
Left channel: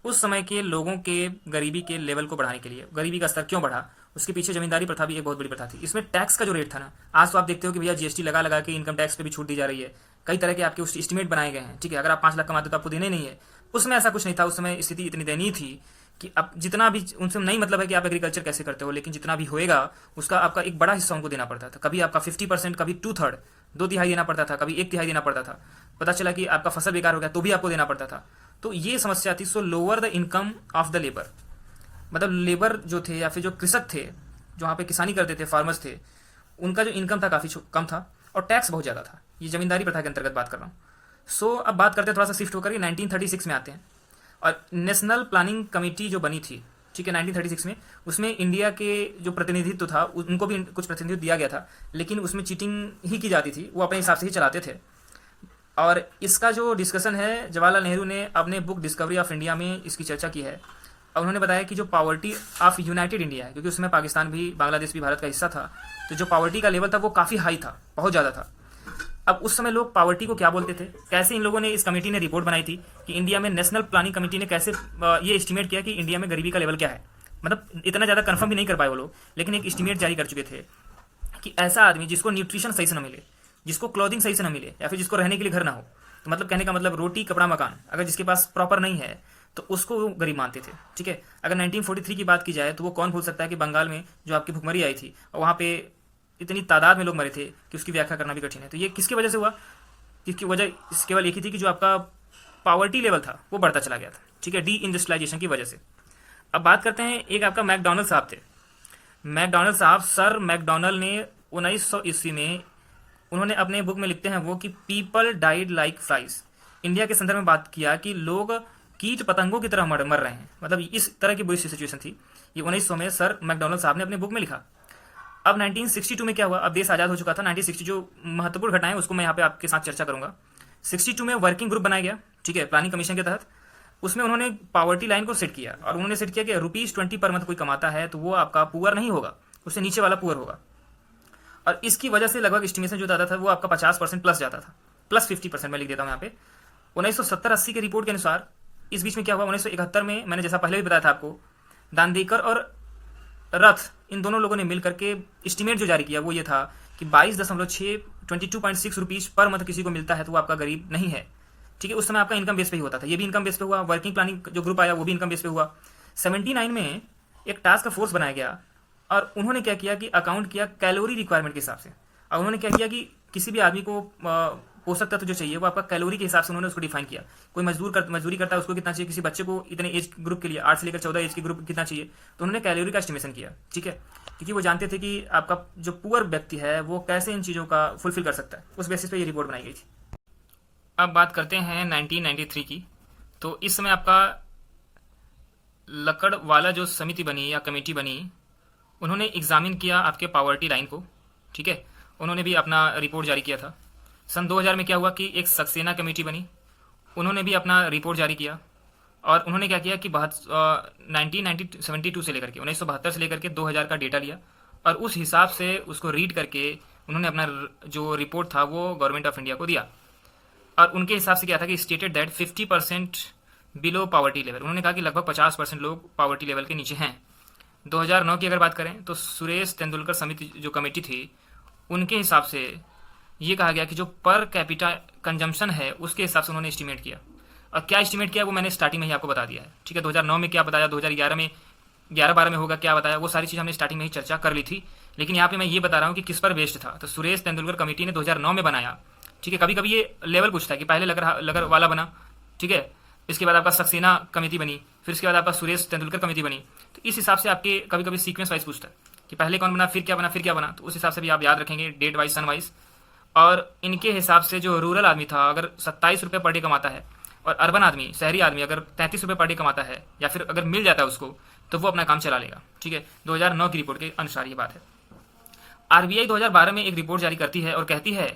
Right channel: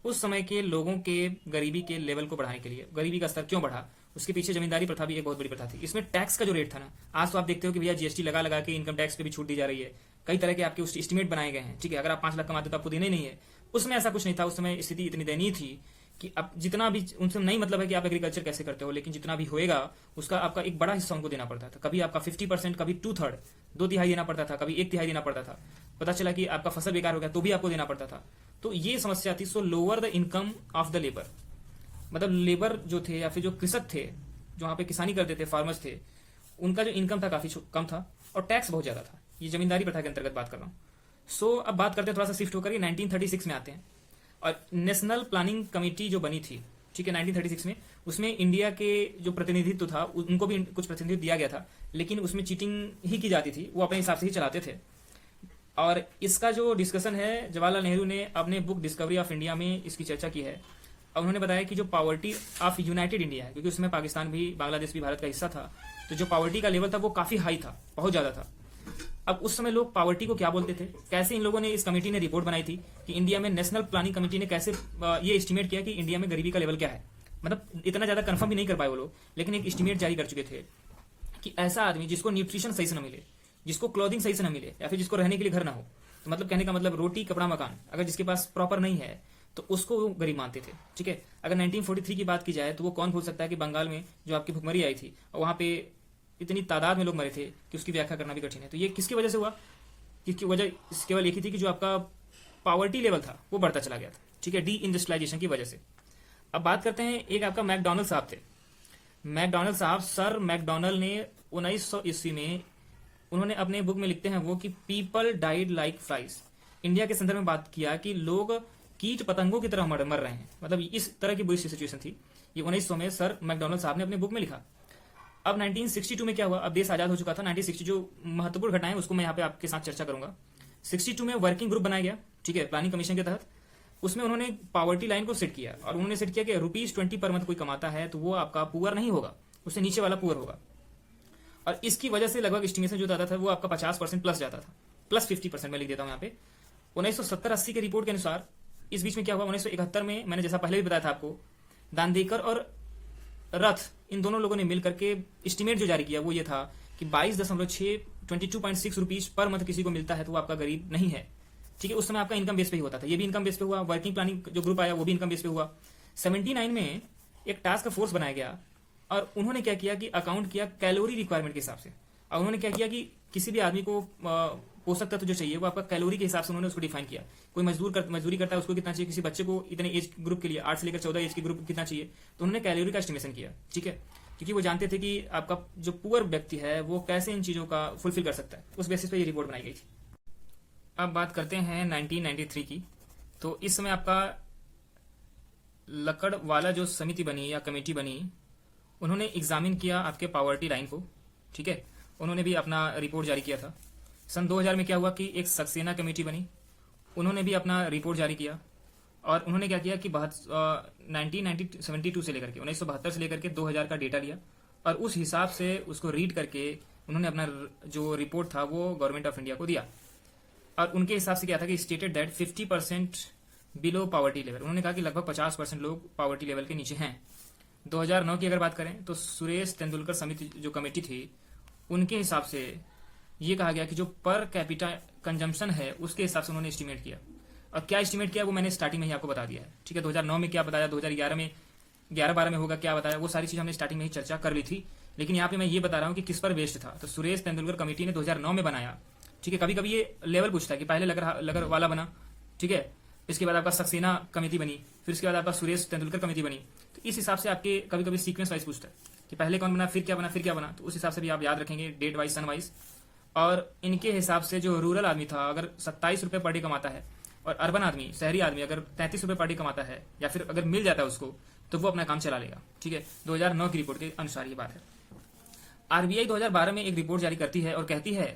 उस समय के लोगों के गरीबी के लेवल को बढ़ाने के लिए। गरीबी का स्तर क्यों बढ़ा, उसके पीछे जमींदारी प्रथा भी एक बहुत बड़ी प्रथा थी। इसमें टैक्स का जो रेट था ना, आज तो आप देखते हो कि भैया जीएसटी लगा लगा के इनकम टैक्स पे भी छूट दी जा रही है, कई तरह के आपके उस एस्टिमेट बनाए गए हैं, ठीक है। अगर आप 5 लाख कमाते हो तो आपको देने नहीं है। उसमें ऐसा कुछ नहीं था। उस समय स्थिति इतनी दयनीय थी कि अब जितना भी, उनसे नहीं मतलब है कि आप एग्रीकल्चर कैसे करते हो, लेकिन जितना भी होएगा उसका आपका एक बड़ा हिस्सा उनको देना पड़ता था। कभी आपका 50%, कभी 2/3, 2/3 देना पड़ता था, कभी 1/3 देना पड़ता था। पता चला कि आपका फसल बेकार हो गया तो भी आपको देना पड़ता था। तो ये समस्या थी। सो lower the income of the labour, मतलब लेबर जो थे या फिर जो कृषक थे, जो वहाँ पे किसानी करते थे, फार्मर्स थे, उनका जो इनकम था काफ़ी कम था और टैक्स बहुत ज़्यादा था। ये जमींदारी प्रथा के अंतर्गत बात कर रहा हूँ। सो अब बात करते हैं, थोड़ा सा शिफ्ट होकर 1936 में आते हैं और नेशनल प्लानिंग कमेटी जो बनी थी, ठीक है, 1936 में, उसमें इंडिया के जो प्रतिनिधित्व था उनको भी कुछ प्रतिनिधित्व दिया गया था, लेकिन उसमें चीटिंग ही की जाती थी, वो अपने हिसाब से ही चलाते थे। और इसका जो डिस्कशन है, जवाहरलाल नेहरू ने अपने बुक डिस्कवरी ऑफ इंडिया में इसकी चर्चा की है। और उन्होंने बताया कि जो पॉवर्टी ऑफ यूनाइटेड इंडिया है, क्योंकि उसमें पाकिस्तान भी, बांग्लादेश भी भारत का हिस्सा था, तो जो पॉवर्टी का लेवल था वो काफ़ी हाई था, बहुत ज़्यादा था। अब उस समय लोग पॉवर्टी को क्या बोलते थे, कैसे इन लोगों ने, इस कमेटी ने रिपोर्ट बनाई थी कि इंडिया में, नेशनल प्लानिंग कमेटी ने कैसे ये एस्टिमेट किया कि इंडिया में गरीबी का लेवल क्या है। मतलब इतना ज़्यादा कंफर्म भी नहीं कर पाए वो लोग, लेकिन एक एस्टिमेट जारी कर चुके थे कि ऐसा आदमी जिसको न्यूट्रिशन सही से न मिले, जिसको क्लॉथिंग सही से न मिले, या फिर जिसको रहने के लिए घर ना हो, तो मतलब कहने का मतलब रोटी कपड़ा मकान अगर जिसके पास प्रॉपर नहीं है तो उसको वो गरीब मानते थे, ठीक है। अगर 1943 की बात की जाए तो वो कौन भूल सकता है कि बंगाल में जो आपकी भुखमरी आई थी और वहाँ पे इतनी तादाद में लोग मरे थे कि उसकी व्याख्या करना भी कठिन है। तो ये किसकी वजह से हुआ? इसकी वजह केवल एक ही थी कि जो आपका पावर्टी लेवल था वो बढ़ता चला गया था, ठीक है, डी इंडस्ट्रियलाइजेशन की वजह से। अब बात करते हैं, एक आपका मैकडोनल्ड साहब थे। मैकडोनल्ड साहब, सर मैकडोनल्ड ने 1900 ईस्वी में, उन्होंने अपने बुक में लिखते हैं वो कि people died like flies. India के संदर्भ में बात किया कि लोग कीट पतंगों की तरह मर रहे हैं, मतलब इस तरह की बुरी सिचुएशन थी। ये 1900 में सर मैकडोनल्ड साहब ने अपने बुक में लिखा। अब 1962 में क्या हुआ? अब देश आज़ाद हो चुका था। 1960 जो महत्वपूर्ण घटनाएं उसको मैं यहाँ पे आपके साथ चर्चा करूंगा। 62 में वर्किंग ग्रुप बनाया गया, ठीक है, प्लानिंग कमीशन के तहत। उसमें उन्होंने पावर्टी लाइन को सेट किया और उन्होंने सेट किया कि ₹20 पर मंथ कोई कमाता है तो वो आपका पुअर नहीं होगा, उससे नीचे वाला पुअर होगा। और इसकी वजह से लगभग एस्टिमेशन जो जाता था वो आपका 50% प्लस जाता था, प्लस 50% मैं लिख देता हूँ यहाँ पे। 1970-80 के रिपोर्ट के अनुसार इस बीच में क्या हुआ, 1971 में, मैंने जैसा पहले भी बताया था आपको, दांदेकर और रथ, इन दोनों लोगों ने मिलकर के एस्टिमेट जो जारी किया वो ये था कि 22.6 रुपीज पर मंथ किसी को मिलता है तो वो आपका गरीब नहीं है, ठीक है। उस समय आपका इनकम बेस पे ही होता था, ये भी इनकम बेस पे हुआ। वर्किंग प्लानिंग जो ग्रुप आया वो भी इनकम बेस पे हुआ। 79 में एक टास्क फोर्स बनाया गया और उन्होंने क्या किया कि अकाउंट किया कैलोरी रिक्वायरमेंट के हिसाब से। और उन्होंने क्या किया कि किसी भी आदमी को पोषक तत्व जो चाहिए वो आपका कैलोरी के हिसाब से उन्होंने उसको डिफाइन किया। कोई मजदूरी करता है उसको कितना चाहिए, किसी बच्चे को इतने एज ग्रुप के लिए, 8 से लेकर 14 एज के ग्रुप कितना चाहिए, तो उन्होंने कैलोरी का एस्टिमेशन किया, ठीक है, क्योंकि वो जानते थे कि आपका जो पुअर व्यक्ति है वो कैसे इन चीज़ों का फुलफिल कर सकता है। उस बेसिस पे ये रिपोर्ट बनाई गई थी। अब बात करते हैं 1993 की। तो इस समय आपका लकड़ वाला जो समिति बनी या कमेटी बनी, उन्होंने एग्जामिन किया आपके पावर्टी लाइन को, ठीक है। उन्होंने भी अपना रिपोर्ट जारी किया था। सन 2000 में क्या हुआ कि एक सक्सेना कमेटी बनी, उन्होंने भी अपना रिपोर्ट जारी किया। और उन्होंने क्या किया कि 1972 से लेकर के 1972 से लेकर के 2000 का डेटा लिया और उस हिसाब से उसको रीड करके उन्होंने अपना जो रिपोर्ट था वो गवर्नमेंट ऑफ इंडिया को दिया। और उनके हिसाब से क्या था कि stated that 50% below poverty level. उन्होंने कहा कि लगभग 50% लोग पावर्टी लेवल के नीचे हैं। 2009 की अगर बात करें तो सुरेश तेंदुलकर समिति जो कमेटी थी, उनके हिसाब से ये कहा गया कि जो पर कैपिटा कंजम्पशन है उसके हिसाब से उन्होंने एस्टिमेट किया। और क्या एस्टिमेट किया वो मैंने स्टार्टिंग में ही आपको बता दिया है, ठीक है। 2009 में क्या बताया, 2011 में 11-12 में होगा क्या बताया, वो सारी चीज़ हमने स्टार्टिंग में ही चर्चा कर ली थी। लेकिन यहाँ पे मैं ये बता रहा हूँ कि किस पर बेस्ड था। तो सुरेश तेंदुलकर कमेटी ने 2009 में बनाया, ठीक है। कभी कभी ये लेवल पूछता है कि पहले लगर वाला बना, ठीक है, इसके बाद आपका सक्सेना कमेटी बनी, फिर इसके बाद आपका सुरेश तेंदुलकर कमेटी बनी। तो इस हिसाब से आपके कभी कभी सीक्वेंस वाइज पूछता है कि पहले कौन बना, फिर क्या बना, फिर क्या बना। तो उस हिसाब से भी आप याद रखेंगे, डेट वाइज, सन वाइज। और इनके हिसाब से जो रूरल आदमी था अगर 27 रुपये पर डे कमाता है और अर्बन आदमी, शहरी आदमी अगर 33 रुपये पर डे कमाता है या फिर अगर मिल जाता है उसको, तो वो अपना काम चला लेगा, ठीक है। 2009 की रिपोर्ट के अनुसार ये बात है। आरबीआई 2012 में एक रिपोर्ट जारी करती है और कहती है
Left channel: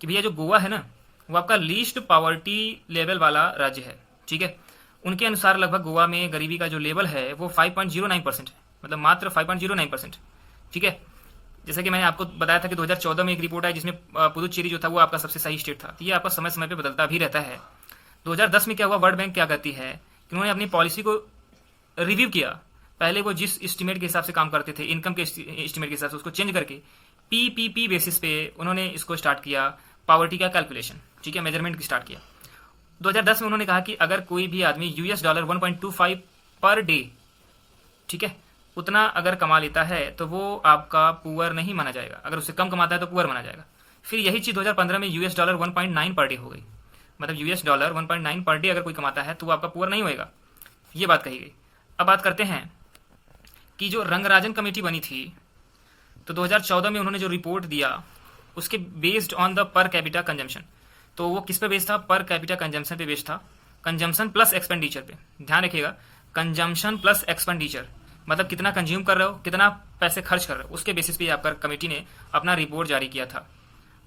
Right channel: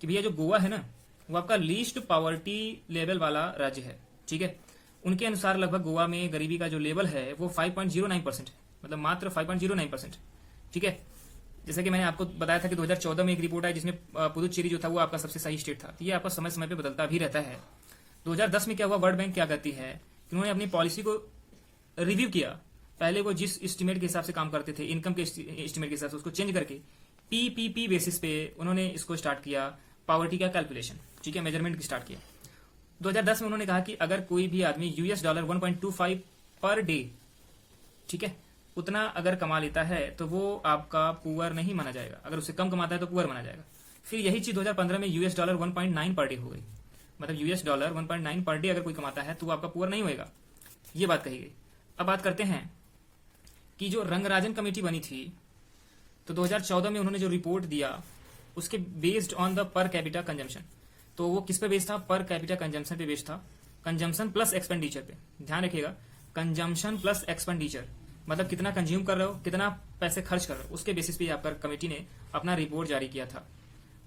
कि भैया जो गोवा है ना, वो आपका लीस्ट पावर्टी लेवल वाला राज्य है, ठीक है। उनके अनुसार लगभग गोवा में गरीबी का जो लेवल है वो 5.09% है, मतलब मात्र 5.09%, ठीक है। जैसे कि मैंने आपको बताया था कि 2014 में एक रिपोर्ट आई जिसमें पुदुचेरी जो था वो आपका सबसे सही स्टेट था। तो ये आपका समय समय पे बदलता भी रहता है। 2010 में क्या हुआ, वर्ल्ड बैंक क्या कहती है कि उन्होंने अपनी पॉलिसी को रिव्यू किया। पहले वो जिस एस्टिमेट के हिसाब से काम करते थे, इनकम के एस्टिमेट के हिसाब से, उसको चेंज करके पीपीपी बेसिस पे उन्होंने इसको स्टार्ट किया, पॉवर्टी का कैलकुलेशन, ठीक है, मेजरमेंट स्टार्ट किया। 2010 में उन्होंने कहा कि अगर कोई भी आदमी यूएस डॉलर 1.25 पर डे, ठीक है, उतना अगर कमा लेता है तो वो आपका पुअर नहीं माना जाएगा, अगर उससे कम कमाता है तो पुअर माना जाएगा। फिर यही चीज़ 2015 में यूएस डॉलर 1.9 पर डे हो गई, मतलब यूएस डॉलर 1.9 पर डे अगर कोई कमाता है तो वो आपका पुअर नहीं होएगा, ये बात कही गई। अब बात करते हैं कि जो रंगराजन कमेटी बनी थी, तो 2014 में उन्होंने जो रिपोर्ट दिया उसके based on the per capita consumption, तो वो किस पे बेस्ड था, पर कैपिटा कंजम्पशन पे बेस्ड था, कंजम्पशन प्लस एक्सपेंडिचर पे। ध्यान रखिएगा, कंजम्पशन प्लस एक्सपेंडिचर मतलब कितना कंज्यूम कर रहे हो, कितना पैसे खर्च कर रहे हो, उसके बेसिस पे आपका कमेटी ने अपना रिपोर्ट जारी किया था।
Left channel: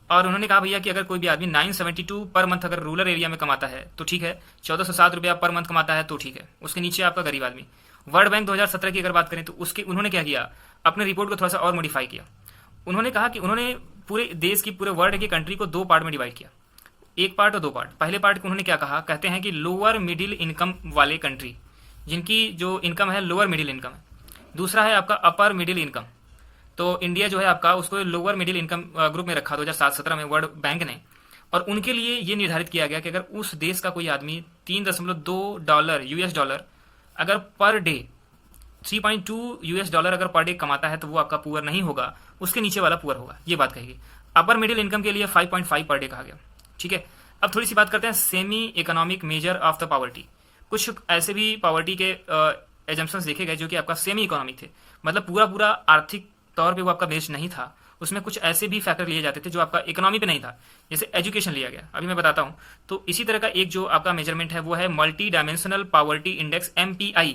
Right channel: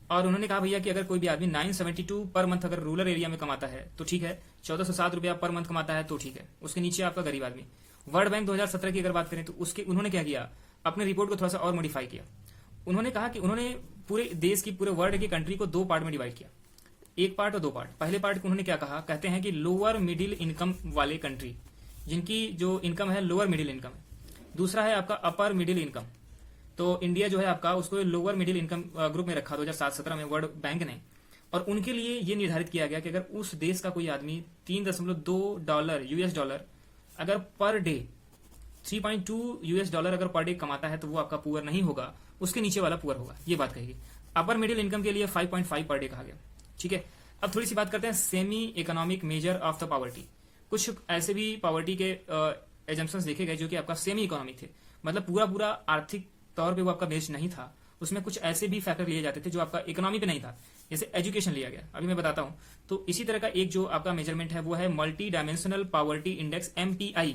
और उन्होंने कहा भैया कि अगर कोई भी आदमी 972 पर मंथ अगर रूरल एरिया में कमाता है तो ठीक है, 1407 रुपया पर मंथ कमाता है तो ठीक है, उसके नीचे आपका गरीब आदमी। वर्ल्ड बैंक 2017 की अगर बात करें तो उसके उन्होंने क्या किया, अपने रिपोर्ट को थोड़ा सा और मॉडिफाई किया। उन्होंने कहा कि उन्होंने पूरे देश की, पूरे वर्ल्ड की कंट्री को 2 पार्ट में डिवाइड किया, एक पार्ट और 2 पार्ट। पहले पार्ट को उन्होंने क्या कहा, कहते हैं कि लोअर मिडिल इनकम वाले कंट्री, जिनकी जो इनकम है लोअर मिडिल इनकम है। दूसरा है आपका अपर मिडिल इनकम, तो इंडिया जो है आपका उसको लोअर मिडिल इनकम ग्रुप में रखा 2017 में वर्ल्ड बैंक ने। और उनके लिए ये निर्धारित किया गया कि अगर उस देश का कोई आदमी 3.2 डॉलर यूएस डॉलर अगर पर डे, 3.2 यूएस डॉलर अगर पर डे कमाता है तो वो आपका पुअर नहीं होगा, उसके नीचे वाला पुअर होगा, ये बात कहेगी। अपर मिडिल इनकम के लिए 5.5 पर डे कहा गया, ठीक है। अब थोड़ी सी बात करते हैं semi economic measure of the poverty. कुछ ऐसे भी पॉवर्टी के एजम्पशंस देखे गए जो कि आपका सेमी इकोनॉमिक थे, मतलब पूरा पूरा आर्थिक तौर पे वो आपका बेस्ड नहीं था, उसमें कुछ ऐसे भी फैक्टर लिए जाते थे जो आपका इकोनॉमी पे नहीं था, जैसे एजुकेशन लिया गया, अभी मैं बताता हूँ। तो इसी तरह का एक जो आपका मेजरमेंट है वो है multi dimensional poverty index MPI।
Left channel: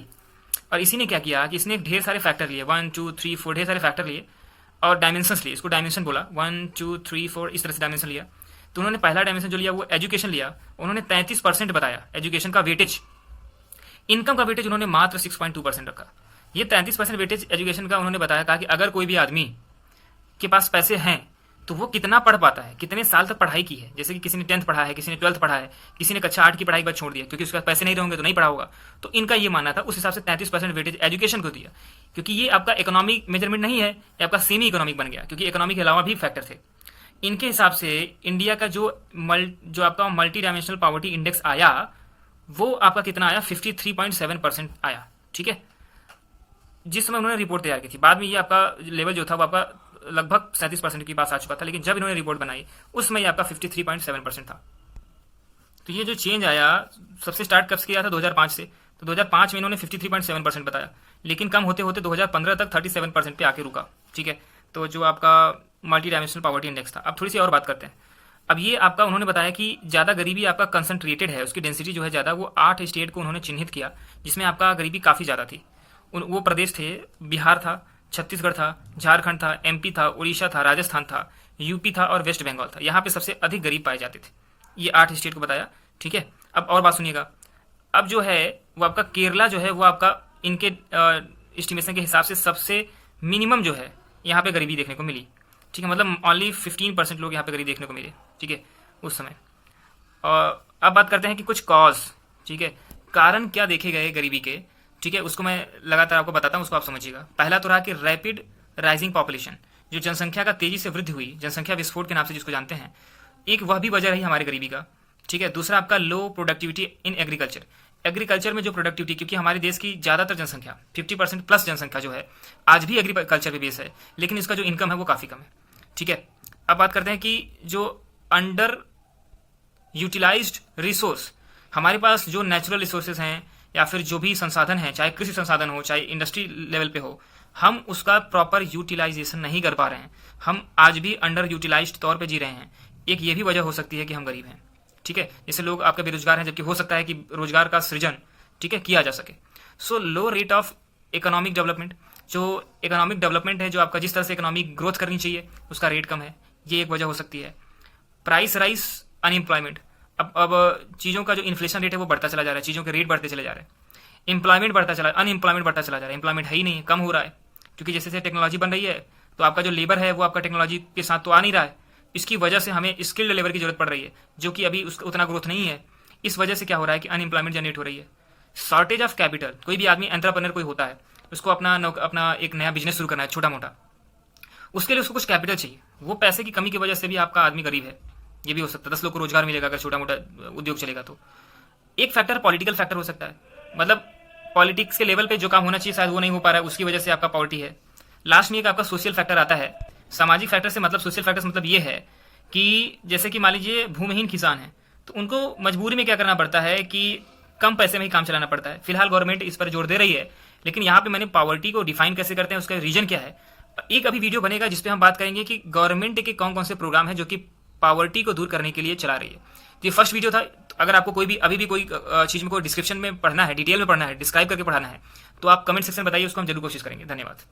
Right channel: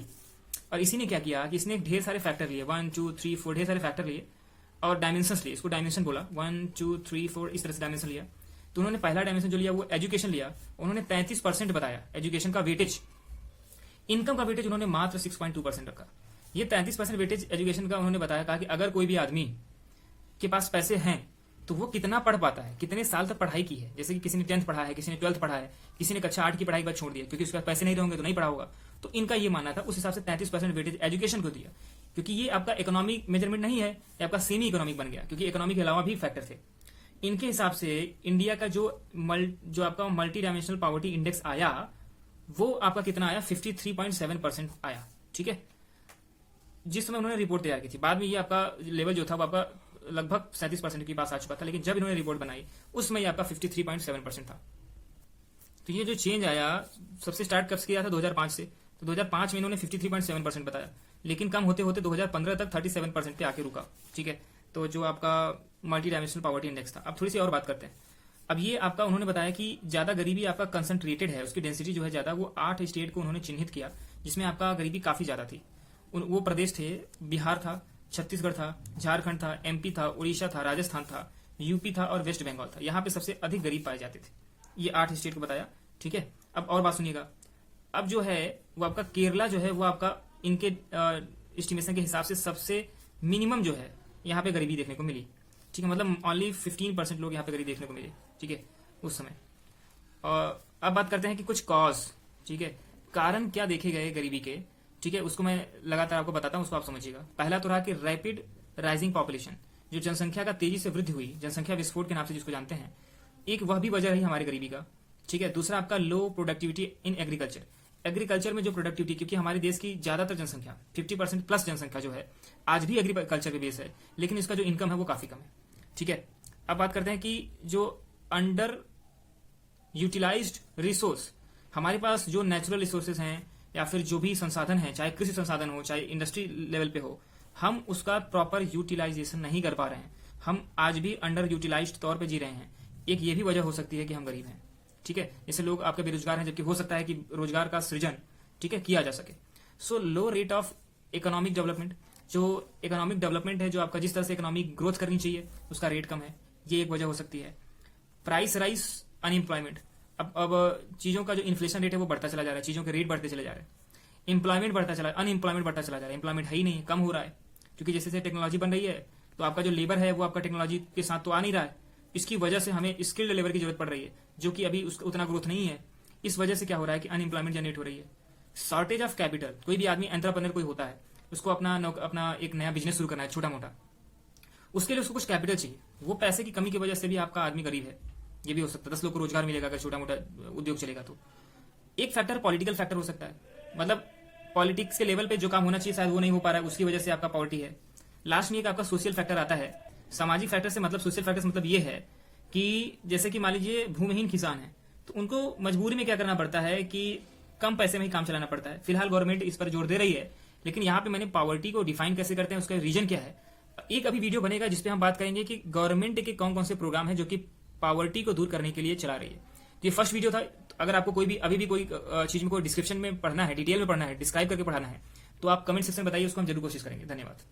और इसी ने क्या किया कि इसने ढेर सारे फैक्टर लिए, 1 2 3 4 ढेर सारे फैक्टर लिए और डायमेंशंस लिए, इसको डायमेंशन बोला, 1 2 3 4 इस तरह से डायमेंशन लिया। तो उन्होंने पहला डायमेंशन जो लिया वो एजुकेशन लिया, उन्होंने 33% बताया एजुकेशन का वेटेज। इनकम का वेटेज उन्होंने मात्र 6.2% रखा। ये 33% वेटेज एजुकेशन का उन्होंने बताया, कहा कि अगर कोई भी आदमी के पास पैसे हैं तो वो कितना पढ़ पाता है, कितने साल तक पढ़ाई की है, जैसे कि किसी ने 10th पढ़ा है, किसी ने 12th पढ़ा है, किसी ने कक्षा 8 की पढ़ाई के बाद छोड़ दिया क्योंकि उसके पास पैसे नहीं रहेंगे तो नहीं पढ़ा होगा। तो इनका ये मानना था, उस हिसाब से 33% वेटेज एजुकेशन को दिया, क्योंकि ये आपका इकोनॉमिक मेजरमेंट नहीं है, ये आपका सेमी इकोनॉमिक बन गया, क्योंकि इकोनॉमिक के अलावा भी फैक्टर थे। इनके हिसाब से इंडिया का जो आपका मल्टी डायमेंशनल पॉवर्टी इंडेक्स आया वो आपका कितना आया, 53.7% आया, ठीक है, जिस समय उन्होंने रिपोर्ट तैयार की थी। बाद में ये आपका लेवल जो था वो आपका लगभग 37% की पास आ चुका था, लेकिन जब इन्होंने रिपोर्ट बनाई उस समय आपका 53.7% था। तो ये जो चेंज आया सबसे स्टार्ट कब से किया था, 2005 से। तो 2005 में इन्होंने 53.7% बताया, लेकिन कम होते होते 2015 तक 37% पे आके रुका, ठीक है। तो जो आपका मल्टी डायमेंशनल पॉवर्टी इंडेक्स था। अब थोड़ी सी और बात करते हैं। अब ये आपका उन्होंने बताया कि ज़्यादा गरीबी आपका कंसंट्रेटेड है, उसकी डेंसिटी जो है ज़्यादा, वो 8 स्टेट को उन्होंने चिन्हित किया जिसमें आपका गरीबी काफ़ी ज़्यादा थी। वो प्रदेश थे, बिहार था, छत्तीसगढ़ था, झारखंड था, MP था, उड़ीसा था, राजस्थान था, UP था और वेस्ट बंगाल था। यहाँ पे सबसे अधिक गरीब पाए जाते थे। ये 8 स्टेट को बताया, ठीक है। अब और बात सुनिएगा। अब जो है वो आपका केरला जो है वो आपका इनके एस्टिमेशन के हिसाब से सबसे मिनिमम जो है यहाँ पे गरीबी देखने को मिली, ठीक है, मतलब ओनली 15% लोग यहाँ पे गरीब देखने को मिले, ठीक है, उस समय। और अब बात करते हैं कि कुछ कॉज, ठीक है, कारण क्या देखे गए गरीबी के, ठीक है, उसको मैं लगातार आपको बताता हूँ, उसको आप समझिएगा। पहला तो रहा कि रैपिड राइजिंग पॉपुलेशन, जो जनसंख्या का तेजी से वृद्धि हुई, जनसंख्या विस्फोट के नाम से जिसको जानते हैं, एक वह भी वजह रही हमारी गरीबी का, ठीक है। दूसरा आपका लो प्रोडक्टिविटी इन एग्रीकल्चर, एग्रीकल्चर में जो प्रोडक्टिविटी, क्योंकि हमारे देश की ज़्यादातर जनसंख्या 50% प्लस जनसंख्या जो है आज भी एग्रीकल्चर पे बेस है, लेकिन इसका जो इनकम है वो काफ़ी कम है, ठीक है। अब बात करते हैं कि जो अंडर यूटिलाइज्ड रिसोर्स, हमारे पास जो नेचुरल रिसोर्सेज हैं या फिर जो भी संसाधन हैं, चाहे कृषि संसाधन हो चाहे इंडस्ट्री लेवल पे हो, हम उसका प्रॉपर यूटिलाइजेशन नहीं कर पा रहे हैं, हम आज भी अंडर यूटिलाइज्ड तौर पे जी रहे हैं। एक ये भी वजह हो सकती है कि हम गरीब हैं, ठीक है। जैसे लोग आपके बेरोजगार हैं, जबकि हो सकता है कि रोजगार का सृजन, ठीक है, किया जा सके। सो लो रेट ऑफ इकोनॉमिक डेवलपमेंट, जो इकोनॉमिक डेवलपमेंट है, जो आपका जिस तरह से इकोनॉमिक ग्रोथ करनी चाहिए उसका रेट कम है, ये एक वजह हो सकती है। प्राइस राइज अनएम्प्लॉयमेंट, अब चीज़ों का जो इन्फ्लेशन रेट है वो बढ़ता चला जा रहा है, चीज़ों के रेट बढ़ते चले जा रहे हैं, एम्प्लॉयमेंट बढ़ता चला, अनएम्प्लॉयमेंट बढ़ता चला जा रहा है, एम्प्लॉयमेंट है ही नहीं, कम हो रहा है, क्योंकि जैसे जैसे टेक्नोलॉजी बन रही है तो आपका जो लेबर है वो आपका टेक्नोलॉजी के साथ तो आ नहीं रहा है, इसकी वजह से हमें स्किल्ड लेबर की जरूरत पड़ रही है, जो कि अभी उसका उतना ग्रोथ नहीं है। इस वजह से क्या हो रहा है कि अनएम्प्लॉयमेंट जनरेट हो रही है, शॉर्टेज ऑफ कैपिटल। कोई भी आदमी एंटरप्रेन्योर कोई होता है, उसको अपना एक नया बिजनेस शुरू करना है छोटा मोटा, उसके लिए उसको कुछ कैपिटल चाहिए। वो पैसे की कमी की वजह से भी आपका आदमी गरीब है, ये भी हो सकता है। 10 लोग को रोजगार मिलेगा अगर छोटा मोटा उद्योग चलेगा तो। एक फैक्टर पॉलिटिकल फैक्टर हो सकता है, मतलब पॉलिटिक्स के लेवल पे जो काम होना चाहिए शायद वो नहीं हो पा रहा है, उसकी वजह से आपका पॉवर्टी है। लास्ट में एक आपका सोशल फैक्टर आता है। सामाजिक फैक्टर से मतलब सोशल फैक्टर से मतलब ये है कि जैसे कि मान लीजिए भूमिहीन किसान है, तो उनको मजबूरी में क्या करना पड़ता है कि कम पैसे में ही काम चलाना पड़ता है। फिलहाल गवर्नमेंट इस पर जोर दे रही है, लेकिन यहाँ पे मैंने पॉवर्टी को डिफाइन कैसे करते हैं, उसका रीजन क्या है, एक अभी वीडियो बनेगा जिसपे हम बात करेंगे कि गवर्नमेंट के कौन कौन से प्रोग्राम है जो कि पॉवर्टी को दूर करने के लिए चला रही है। तो ये फर्स्ट वीडियो था। अगर आपको कोई भी अभी भी कोई चीज में कोई डिस्क्रिप्शन में पढ़ना है, डिटेल में पढ़ना है, डिस्क्राइब करके पढ़ाना है, तो आप कमेंट सेक्शन में बताइए, उसको हम जरूर कोशिश करेंगे। धन्यवाद।